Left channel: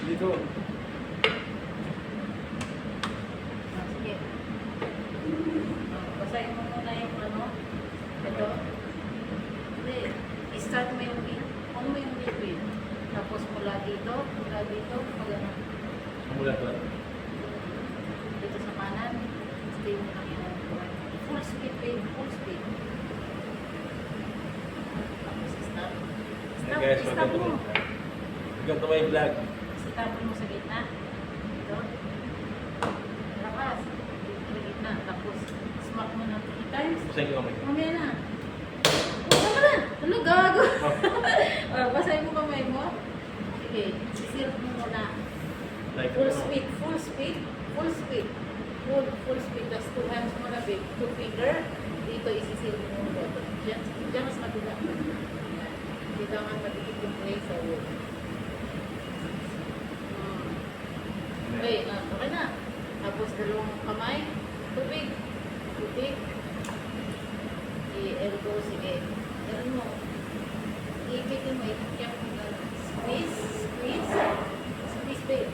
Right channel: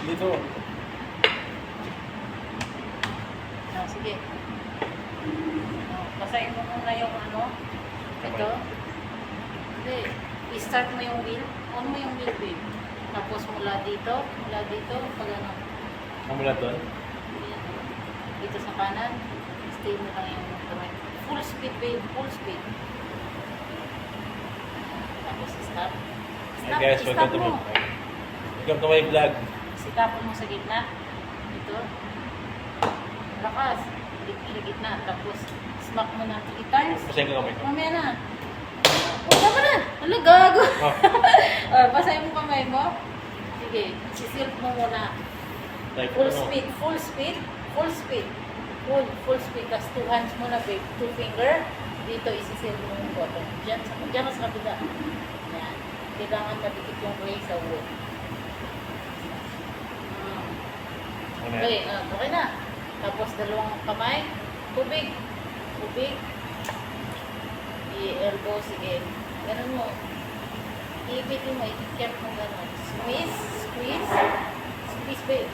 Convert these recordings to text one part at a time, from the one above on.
Dito. Oh, sige. Oh, basahin mo muna yung ano. Ito. Hindi. I-start mo yung wheel. On mo yung wheel. Tapos mula dito, pag ano. Ang mula doon? Dito sa kanan. Stay mo lang yung correct. Full speed, babe. Full speed. Tapos stop. Hey guys, Stop welcome to mo. my vlog. Stop mo sa gitna. Dito. Lakas. Dito sa gitna. Tapos smack mo na 3 times. Basahin ko kamay ko. Mamaya na. Huwag naman na. Ano, gago. Oh. Basahin mo kamay mo. Sige. Sisilp mo muna. Like, Full ano? speed. Full speed. Full speed. Full speed. Tapos 2 hands mo na, babe. 2 finger. Dito isisilp mo yung button. Diyan ka sa kabila. Yan. Kailangan madikit yung clay sa wood. Ano yan? Okay, okay na. Tapos dalawang kamay. Tubig. Tubig. I-elbow, sige. Ganun mo. Iipitin mo, itikyan mo gano'n. Squeeze, squeeze. Squeeze, babe.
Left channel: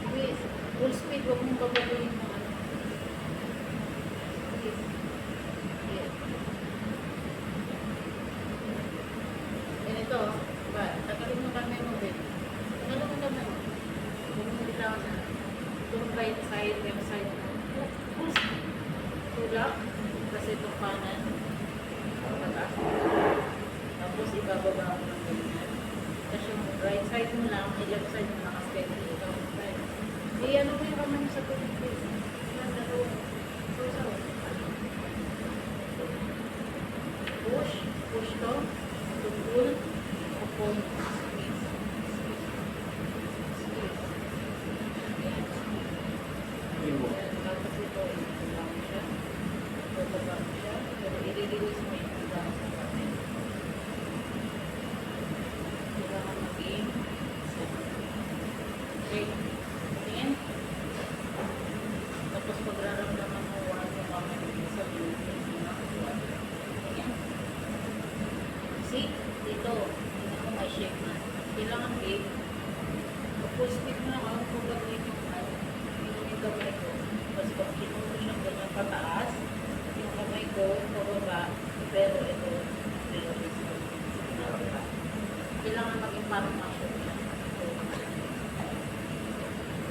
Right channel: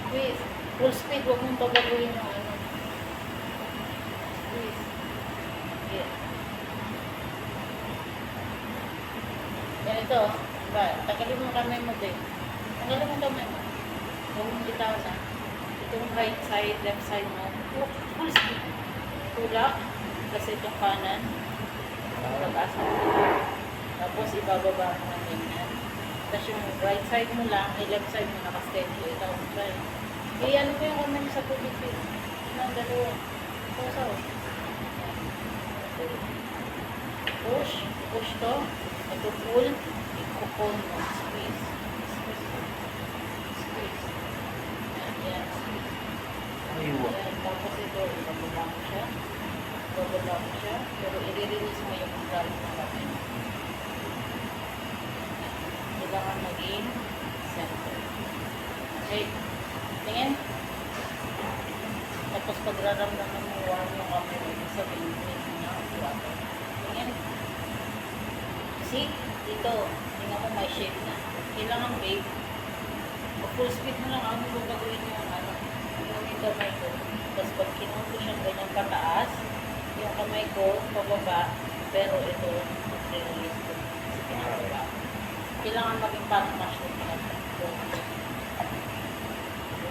Squeeze. Full speed, huwag mong babaguhin yung ano. Squeeze. Yeah. Ganito, diba? Tagalin mo kamay mo, babe. Tagalin mo kamay mo. Huwag mong bitaw na. Itong right side, left side mo. Full speed. Tulak. Kasi itong kanan. Pag-asa mo. Tapos ibababa mo ng ganyan. Tapos yung right side mo lang, left side mo nakaschedule. Ikaw ang try. Ano mo yung kamay mo sa tubig, babe? Ilang dalawa. Sausaw. Push. Push to. Ito pull. I-pull mo. Squeeze. Squeeze. Squeeze. Yan. Iwa. Yan. Tapos ito, ibababa mo siya. Ibababa mo siya. Pero i-release mo yung gamit ng kamay mo. Kailangan maging center. Okay. Tingin. Tapos pagraramdaman mo warm yung kamay mo, sabihin mo na water. Tingin. See? Dito. Tingnan mo may shape na. Kailangan, babe. Full speed mo lang. Ako babaguhin yung ano. Yung kamay ko. Tapos pag kinuha siyang ganyan pataas, yung kamay ko pababa, pero ito release ko. Kasi pinababa. Kailangan maging parang mushroom na. So,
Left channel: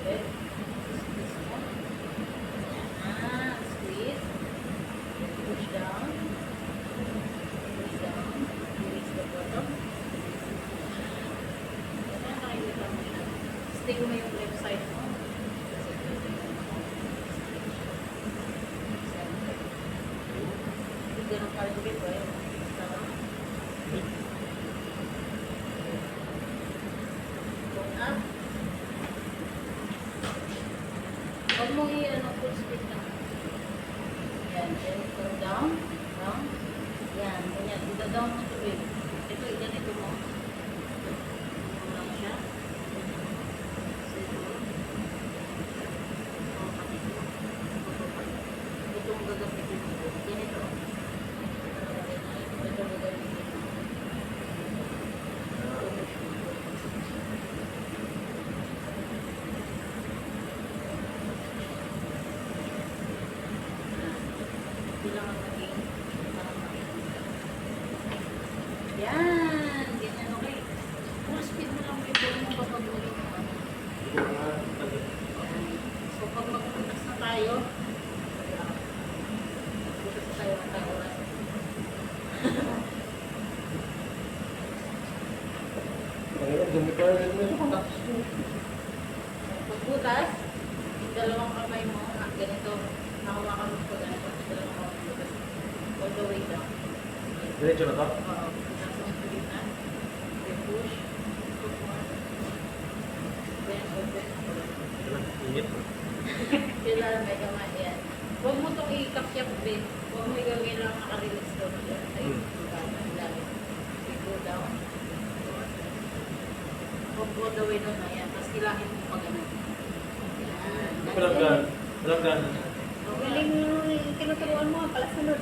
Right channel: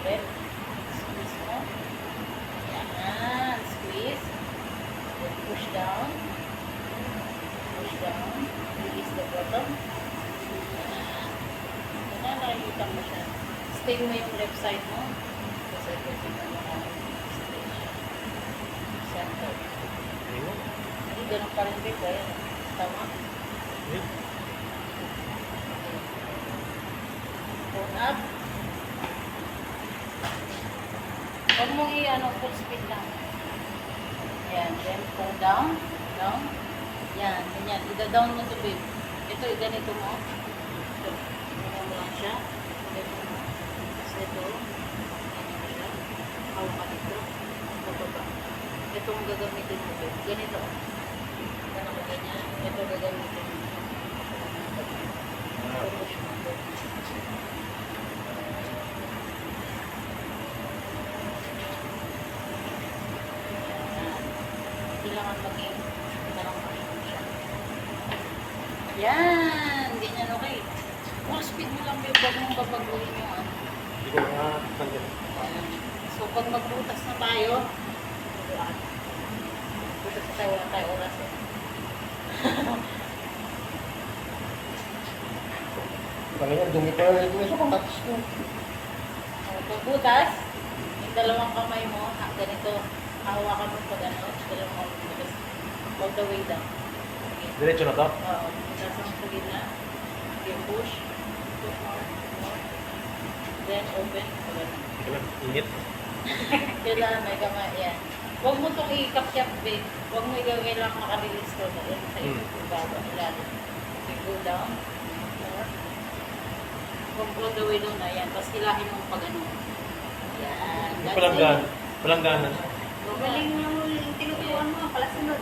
ulit. Squeeze mo. Yan. Squeeze. Then push down. Push down. Release the bottom. Yan. Yan. Nakikita mo siya. Stay mo yung left side mo. Kasi pwede mo stretch. Center. Iwa? Hindi ganun pa rin babe. Ayan. Tama. Phone up. Huwag mong i-ano, full speed lang. Yan. Then, pull down. Down. Yan. Ganyan. Ida-down mo to babe. Ito, ganito mo. Ito. Ganyan mo lang siya. Ganyan mo. So, ito. Ganyan mo siya. Hawakan ito. Bababa. Itong gagamitin mo babe. Ganito. Ganito mo ganyan. Ito gagamitin mo. Push mo. Kailangan maging parang mushroom siya. Yan! Ganyan, okay. Full speed mo lang, babe. Huwag mong babaguhin yung ano. Hindi ko nga tanggal. So, pag magbutas na tayo, butas na tayo, wala tayo oras eh. Panginoon, dumi pa rin ito sa kamatis ko. So, pagbutas, yung dalawang kamay mo, ganito, hawakan mo pa gano'n, dalawang kamay mo, butas, all the way down. Okay. Diretso na to? Oo, butas mo sa gitna. Okay, push. Push more. Then, open. Ito lang, init. Kailangan may kamay. Yan. Huwag mo itong i-kapyap, babe. Huwag mo kailangan makarelease ko na yan. Sa ibaba, ilalim. Okay, go down. More. Huwag all the way down na. Yan. Tapos hilahin mo pag ano. Yan. Walang gana. Walang gana. Galing yung tinuturuan mo. Pala sunod.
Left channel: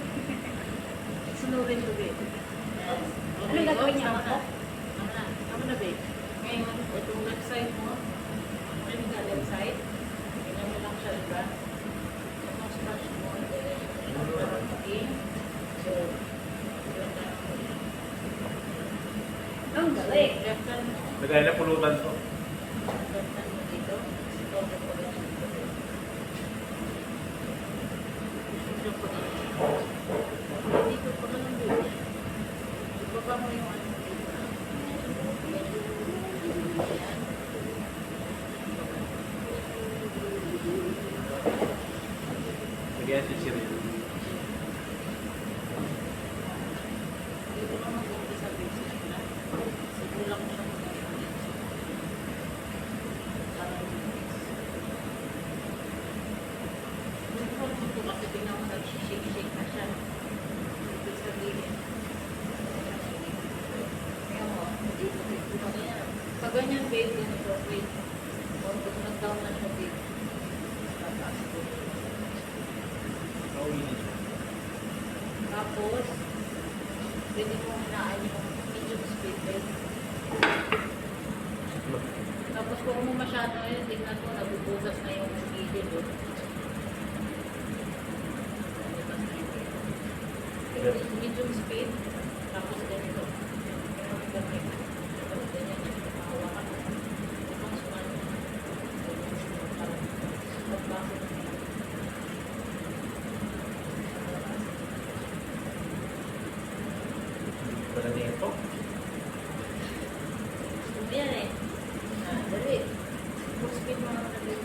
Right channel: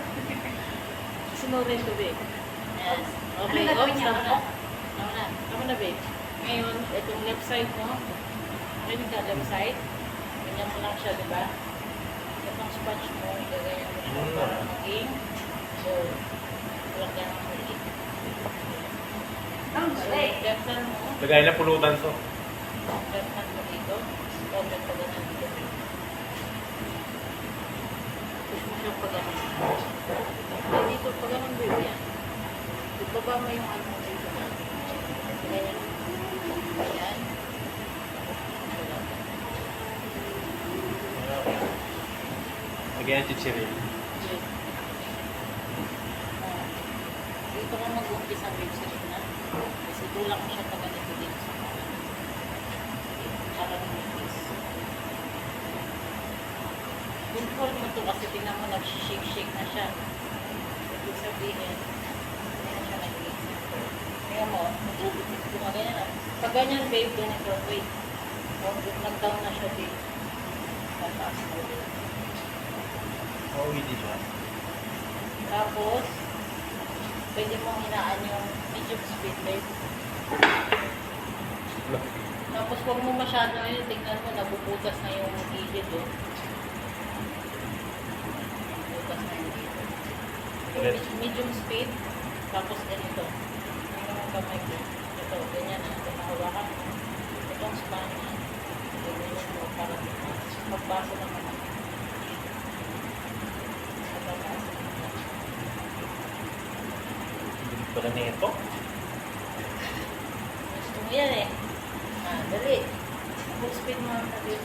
Sunurin to, babe. Yan. Okay. Ano Oh, gagawin niya? tama na. Tama na. Tama na, babe. Ngayon, itong left side mo, rinig ka left side, ganyan mo lang siya, di ba? Itong sponge mo, igaganyan mo siya para maging, so, walang ganang muli. Ang galing. Left hand mo, Lagay na pulutan to. left hand mo dito, okay pa ganun dito. Push mo siya pa ganun. Ay, dito pa ganun baby yan. Ibaba mo yung ano dito na. Ganyan. Ganyan. Lagay na chichirya. Dito ka mag-umpisa babe sa na. Kasi tulak mo siya pa ganito dito sa mga. Para lumipis. Control mo to kasi tingnan mo nag-shake-shake na siya. Ibig sabihin, hindi na siya nag-iis. Tingnan mo, gumaganya na. Pag ganyan babe, ganito, wait. Huwag nag-down na siya babe. Tataas ko. Pauwi siya. Tapos, pwede mong hinaan yung medium speed babe. Tapos huwag mo masyado yun, tingnan mo, nabubutas na yung gilid oh. Nabubutas na yung gilid. Medium speed, tapos ganito. Tingnan mo kamay ko. Ito, ganyan na. Ito, mahawakan mo. Itong span na. Ganyan mo para magbasa na naman. Magbasa na naman. Hindi pala nito. Gusto mo yan eh. Ah, dali. Full speed mo ang natin.